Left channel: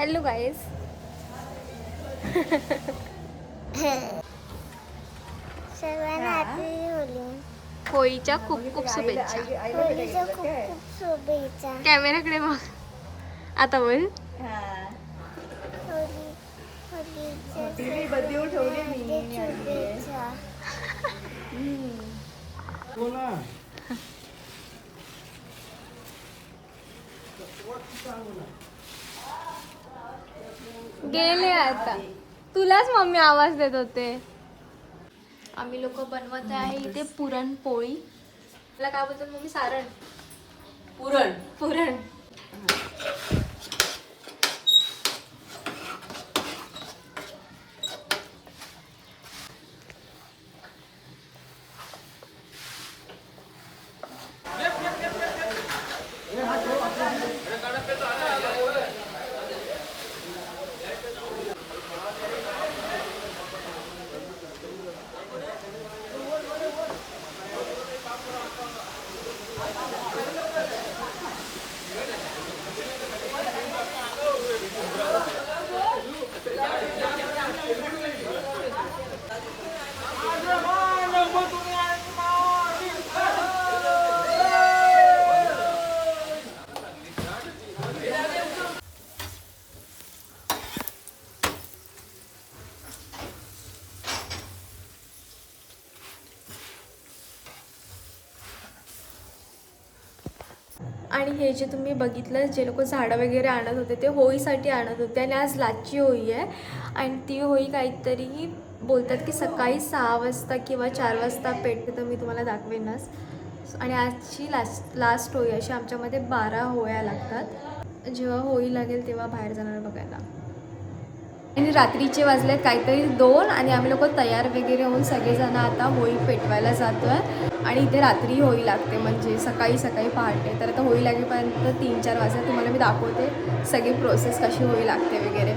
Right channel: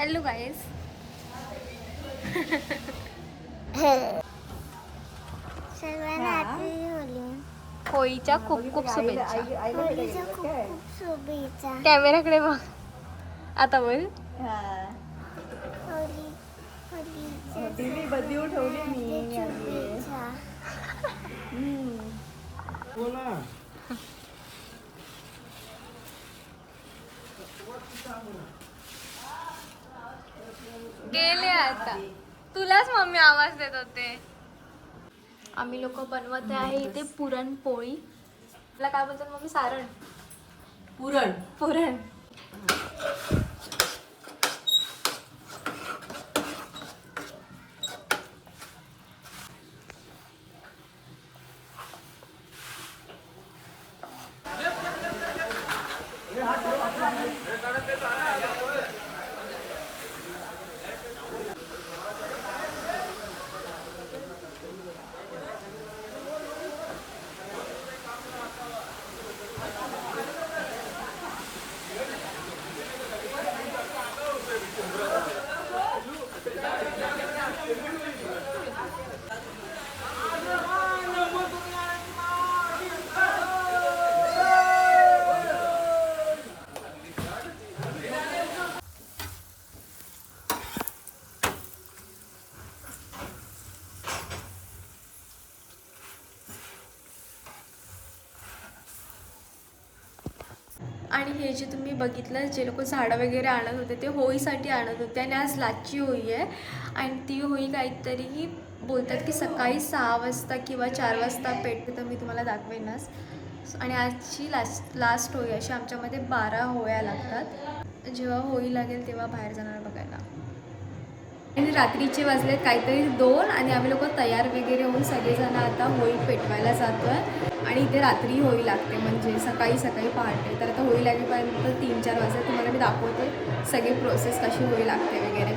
Hello guys. सर्वांना happy Holy. होळीच्या खूप खूप शुभेच्छा. होळीच्या खूप खूप शुभेच्छा. कॅमेराकडे बघ. आता बोल. होळीच्या शुभेच्छा. गेली आता. तुलाच मम्मी आवाज देत होते. आम्ही लोक बनवत आहे इथे पुरणपोळी. तुला काय बोलतात मम्मी? सारण. पुरण. पुरण. आणि हे जे तुम्ही बघितलं, जे लोक झाडं वगैरे आणत होते ते होळीसाठी आणत होते. आणि आज लास्टची होळी आहे. आणि ती होळी काहीतरी बोलतात की सकाळी 6 वाजता किंवा 4 वाजता पेटते, तर मी तुम्हाला दाखवेनच. आणि आजची लास्ट होळी अशी आमच्यामध्ये 12 होळ्या लागतात. जेव्हा होळी लागेल तेव्हा बाहेर जाणार बघायला. आणि रात्रीचे वाजले काहीतरी 2 आणि आम्ही लोक तयार वगैरे होऊन सगळेजण आता होळी पेटवायला जातो आहे. आणि इथे रात्री होळी लागते, म्हणजे सकाळी पहाटे. तर आता होळी लागेपर्यंत 3-4 वाजता तुम्हाला मी दाखवते सगळी प्रोसेस कशी होळी लागते वगैरे.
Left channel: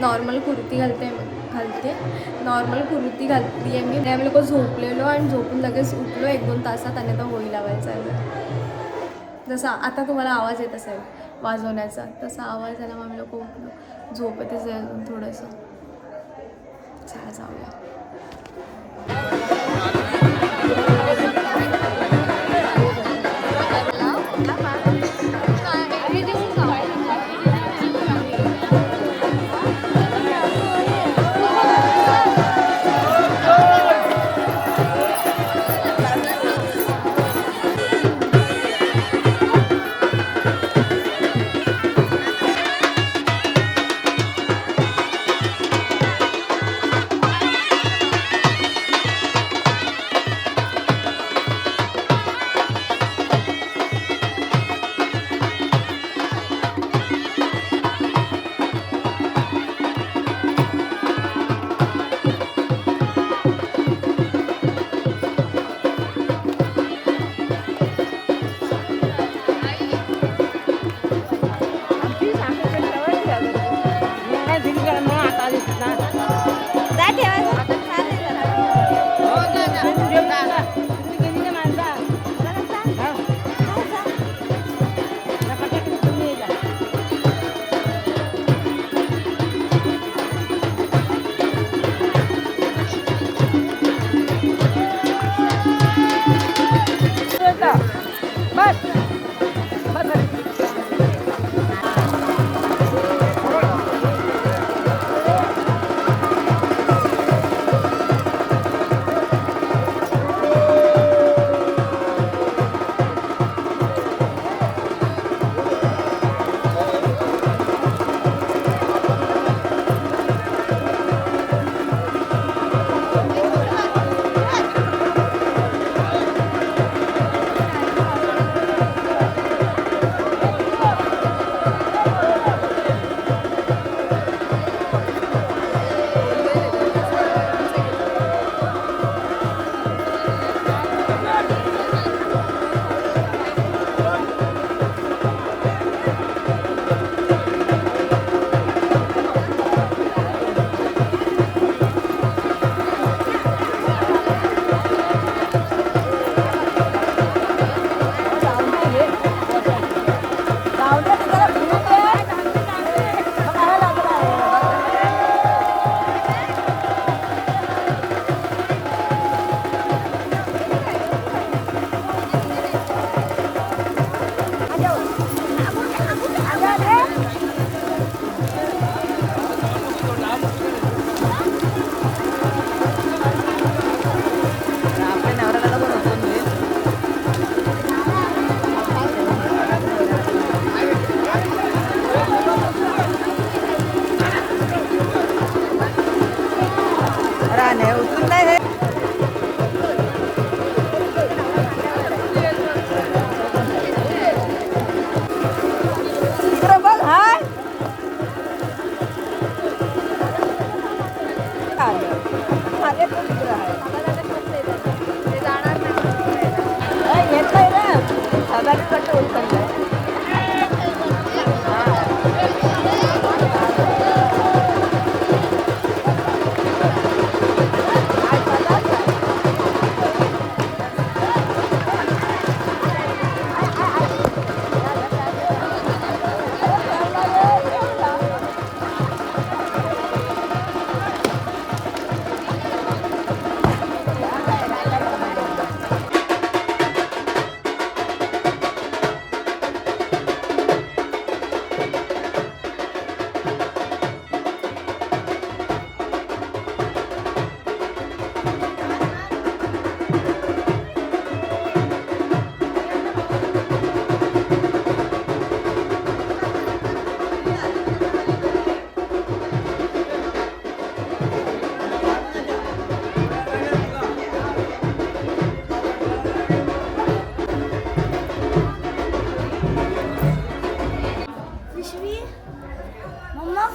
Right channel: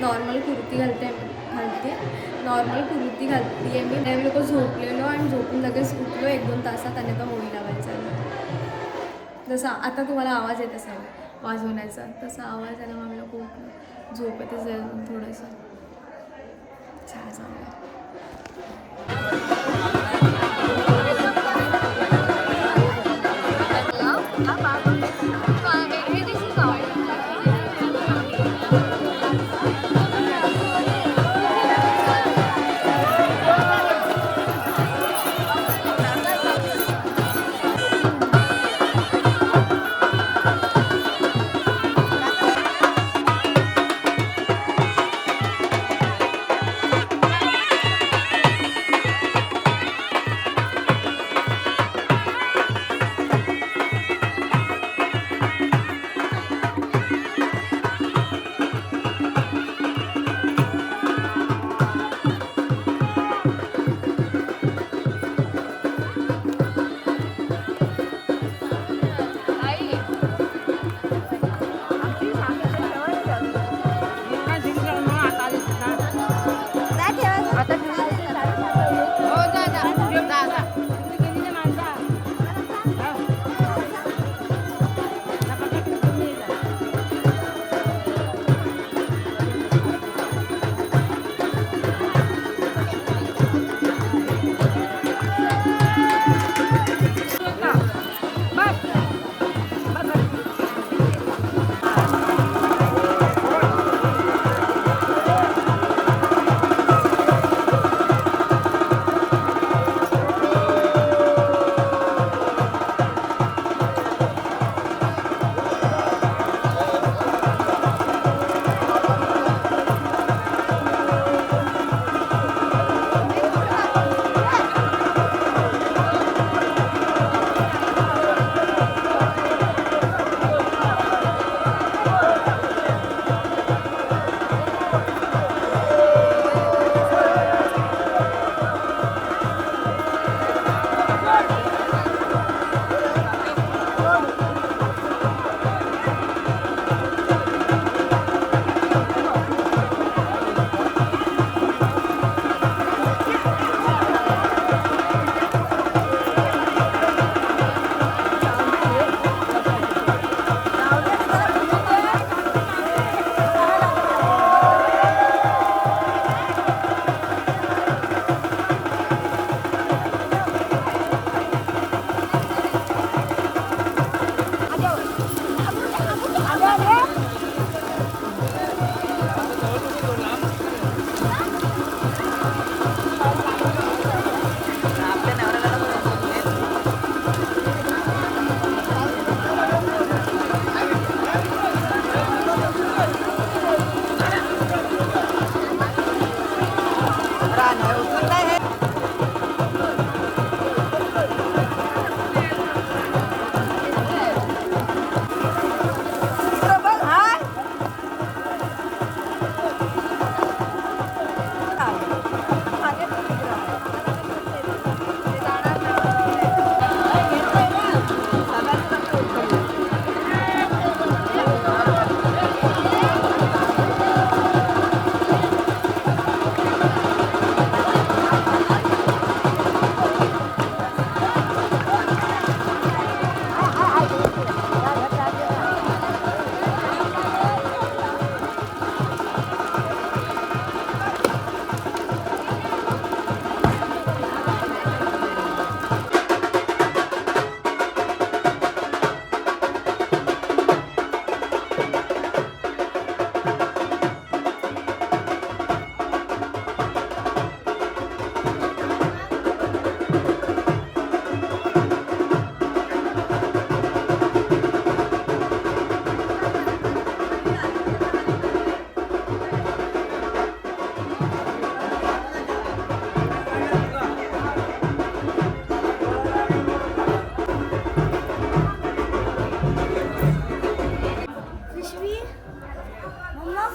नॉर्मल कुर्ती घालते. नॉर्मल कुर्ती घालते आहे मी. आम्ही लोक झोपलेलो आणि झोपून लगेच उठलो 1-2 तासात आणि आता होळी लावायला चाललं. जसा आता तुम्हाला आवाज येत असेल वाजवण्याचा, तसा आवाज आला मग आम्ही लोक उठलो. झोपतच जाईल थोडंसं. चला जाऊया.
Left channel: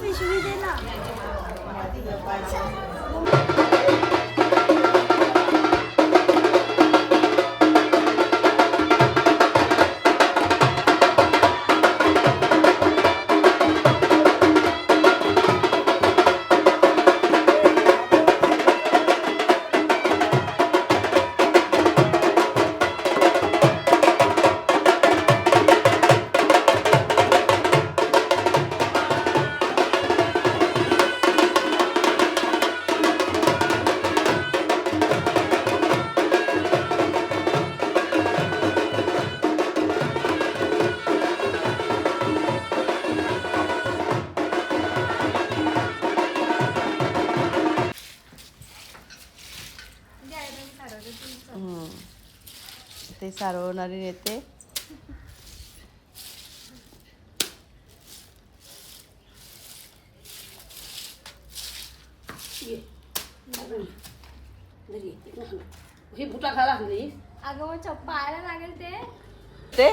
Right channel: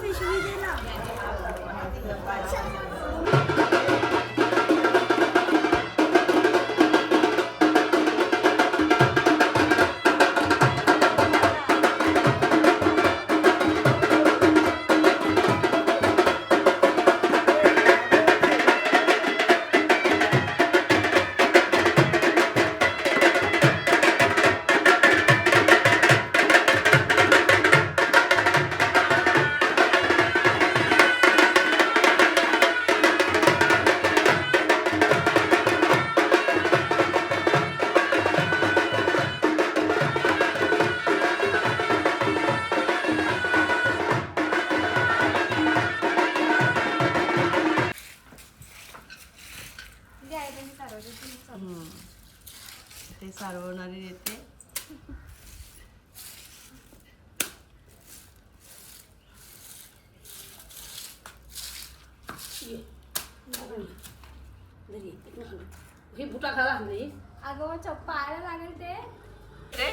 पिशवी दे ना. ते सारवणारी येते. ही बुटा खाला नाही. अगं मग पाहायला लागेल ते. ते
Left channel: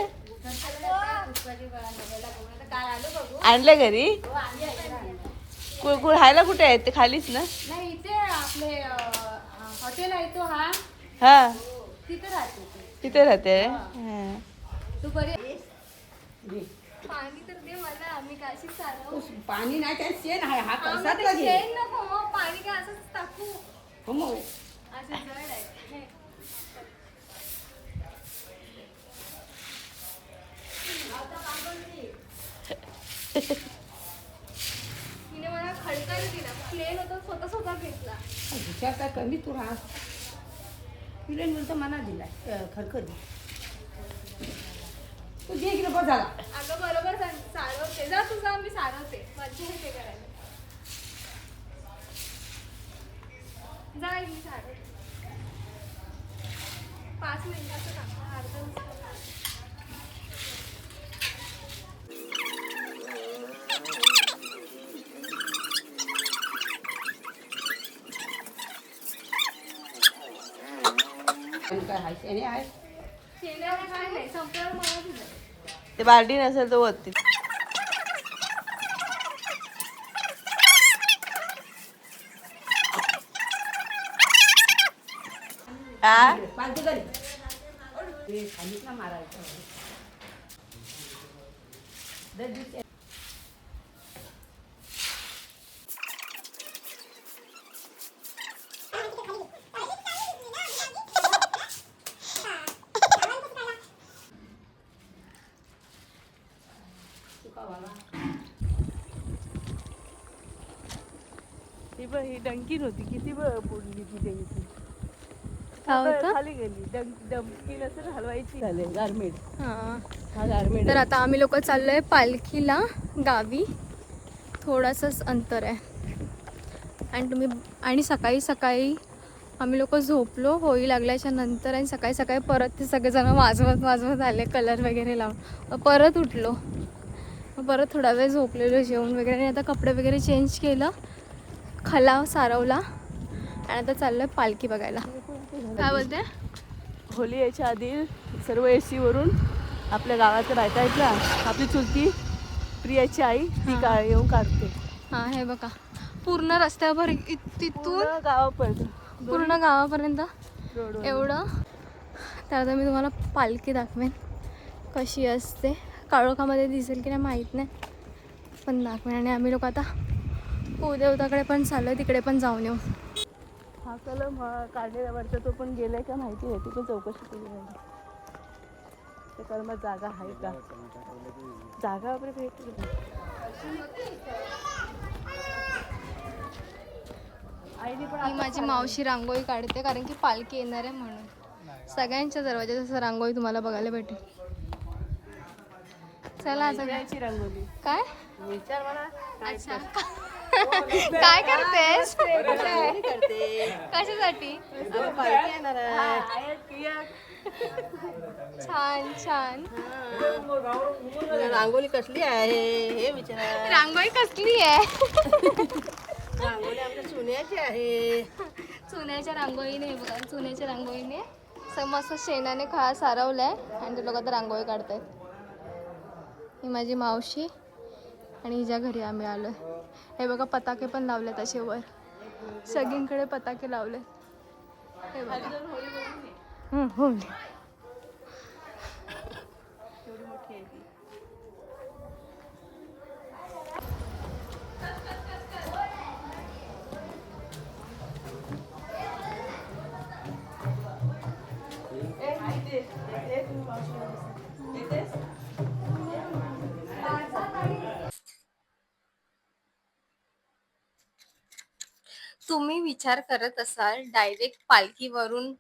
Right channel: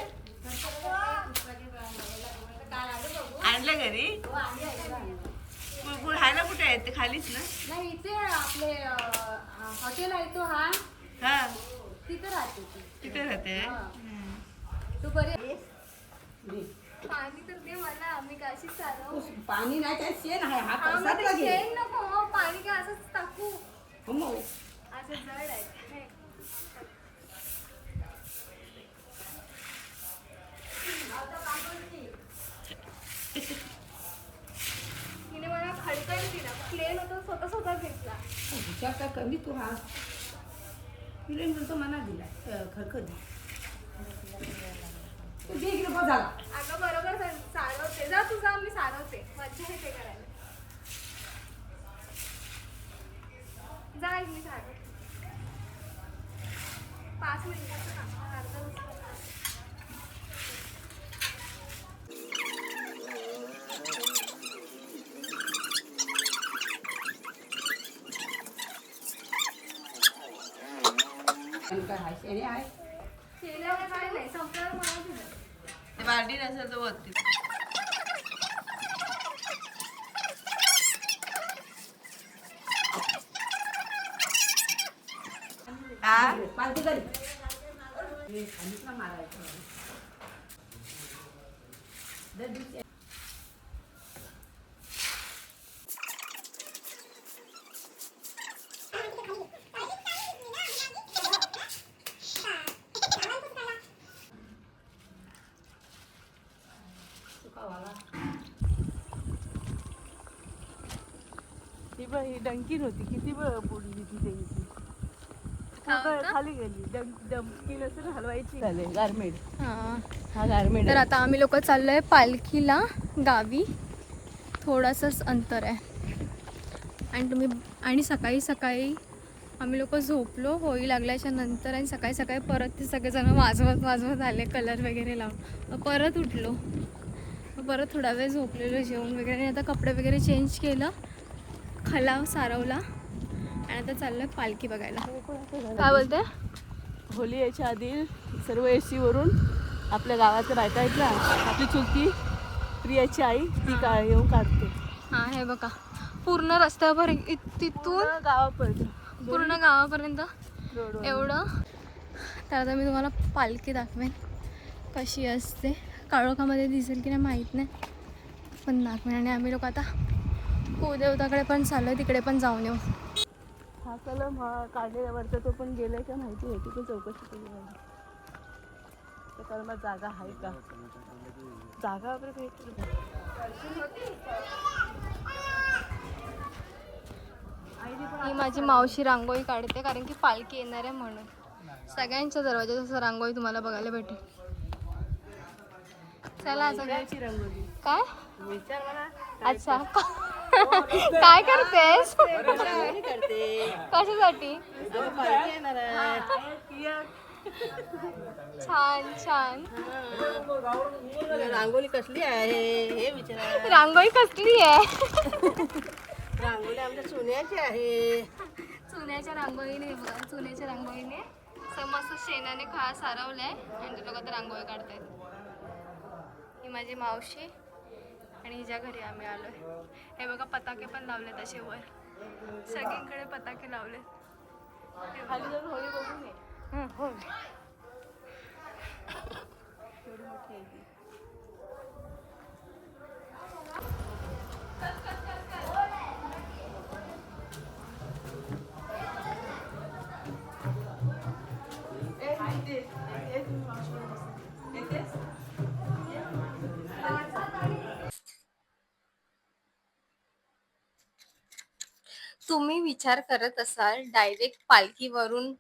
आणले घरी. राहायला कुठे आहेत ते? खालीच ना? नाही इथे आपले हॉटेल आहे तो हा हा तिथे राहते ते. तिथे राहते. तू बरी पाणी तर दे मला, मी काशी चालव. पाणी नाही त्यात शेण आहे. हा कसा शेण नको हो, पाणी काय असंच टाकू. हो असं जड आहे हे. तिने मला खडकायला दिला, प्लेन होता स्वतः स्वतः घेतला. हुशार काय कमी तू हा तुला म्हणतो मना दिला खडखड तू जे इकडे बस झाला. अगं बरोबर सारवते, जा तू जा, मी सारवते. मज्जा येते करायला. जा मी सारवते. 5 मिनिटाचं काम, अर्धा तास. आणि काय आहे शेणे आहे. शेणाला काय नाही, संपल्यावर मला दिलं. ते बालडी नसेल तर वरती. पालती करी सांगितलं मारायचं. ही डंकी नव्हती. किती पुरली तिथे खाली गेली. डंकी नसेल हलवायची. चालेल गारमेड. हा गारमेड. तर आता आम्ही लोक चाललोय पालखीला गावी. थोडंसंच अंतर आहे. आणि सकाळी सकाळी आम्ही लोक झोपलो होळी लागल्याच्या नंतर, आणि सकाळी सकाळी परत ते सगळेजण वाजवत आले कलर वगैरे लावून. मग परत उठलो, मग परत थोडा वेळ झोपलेलो, जेवण वगैरे. आणि आता कपडे वगैरे चेंज केलं, खलाव सारवला, आणि आता चाललोय पालखी बघायला. काय बोलते? होली यायच्या आधी सर्व एसी वरून आपल्या गावाच्या बायका आहेत ना, आपली चुलती प्रियाची आई ती येऊन काढते. हा हे बघा, पूर्ण रस्त्यावर तिथून पूर्ण गावापर्यंत एवढं. तर आता मी तुम्हाला पालखी दाखवेन कशी असते. काळोखामध्ये दिसेल की नाही माहीत नाही, पण दाखवेन. आणि आम्ही लोक आता कुलदेवताकडे पण चाललोय, तिकडे पण जाऊन येऊ. हा कलम काढलेल्यावरचा तो पण गेलाय का माहिती होती, पण चौकशी केली नाही. त्या कलमात जागा आहे का? जागा वगैरे भेटली. ही माझी मावशी रांगोळी काढते, कारण की पालखी येणार आहे म्हणून. सगळ्यांच्या दरवाजात असं रांगोळी तुम्हाला बघायला भेटेल. चला आता रंगोली काय विचार मला. अच्छा काय करतेस? करते कशासाठी? पालखी येणार आहे. छान छान. रांगोली कसली आहे हे विचार. रांगोळी कसली आहे? रांगोली आमच्या सोन्याची आहे. चुन्याच्या रांगोळीने बघा, चुन्याच्या रांगोळीने मस्त शेणाने खा सारवलाय, आणि ते लोक आता रांगोळी काढतायत. ही माझी मावशी आणि हिच्या घरी आम्ही आलो. हे बघा पताके पण लावलेत असे वर, सगळीकडे पताके लावले. हे बघा एवढी मोठी आहे ती. तुम्ही विचार करत असाल डायरेक्ट पालखीवरून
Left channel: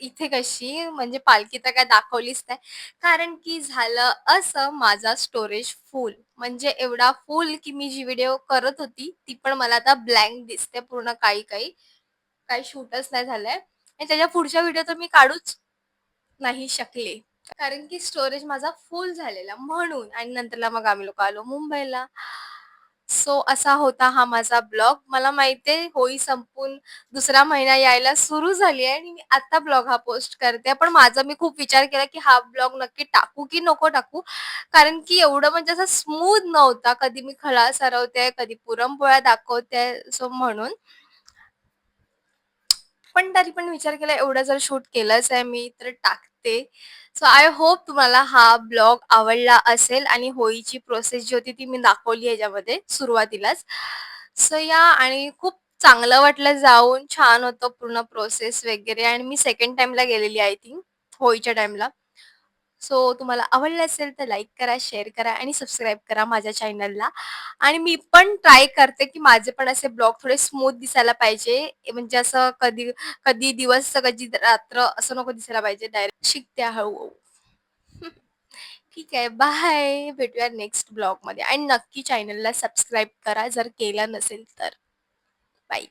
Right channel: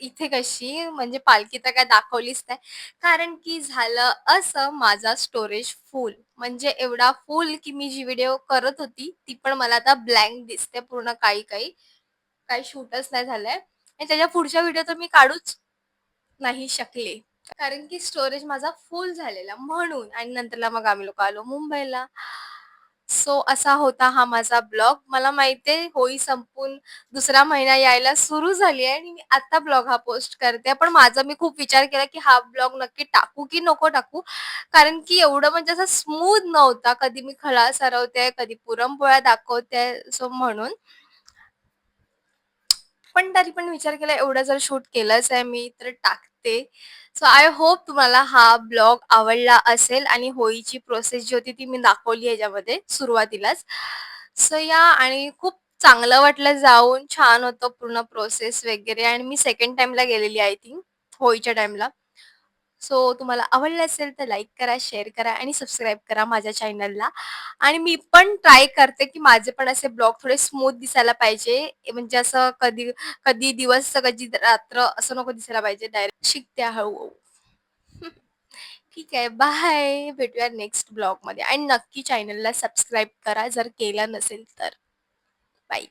इथे कशी, म्हणजे पालखी तर काय दाखवलीच नाही. कारण की झालं असं, माझा स्टोरेज फुल, म्हणजे एवढा फुल की मी जी व्हिडिओ करत होती ती पण मला आता ब्लँक दिसते पूर्ण. काही काही काही शूटच नाही झालंय आणि त्याच्या पुढच्या व्हिडिओ तर मी काढूच नाही शकले. कारण की स्टोरेज माझा फुल झालेला म्हणून. आणि नंतरला मग आम्ही लोक आलो मुंबईला. सो असा होता हा माझा ब्लॉग. मला माहितीये होळी संपून दुसरा महिना यायला सुरू झाली आहे आणि मी आता ब्लॉग हा पोस्ट करते. पण माझा मी खूप विचार केला की हा ब्लॉग नक्की टाकू की नको टाकू, कारण की एवढं म्हणजे असं स्मूथ नव्हता. कधी मी खळा सरवते, कधी पुरणपोळ्या दाखवते, सो म्हणून. पण तरी पण विचार केला एवढं जर शूट केलंच आहे मी तर टाकते. सो आय होप तुम्हाला हा ब्लॉग आवडला असेल आणि होळीची प्रोसेस जी होती ती मी दाखवली ह्याच्यामध्ये सुरुवातीलाच. सो या, आणि खूप चांगलं वाटलं जाऊन. छान होतं पूर्ण प्रोसेस वगैरे. आणि मी सेकंड टाइमला गेलेली आय थिंक होळीच्या टाइमला. सो तुम्हाला आवडलं असेल तर लाईक करा, शेअर करा आणि सबस्क्राईब करा माझ्या चॅनलला. आणि मी पण ट्राय करते की माझे पण असे ब्लॉग थोडे स्मूथ दिसायला पाहिजे. म्हणजे असं कधी कधी दिवस कधी रात्र असं नको दिसायला पाहिजे. डायरेक्ट शिकते हळूहळू. ठीक आहे, बाय. भेटूया नेक्स्ट ब्लॉगमध्ये आणि नक्की चॅनलला सबस्क्राईब करा जर केलं नसेल तर. बाय.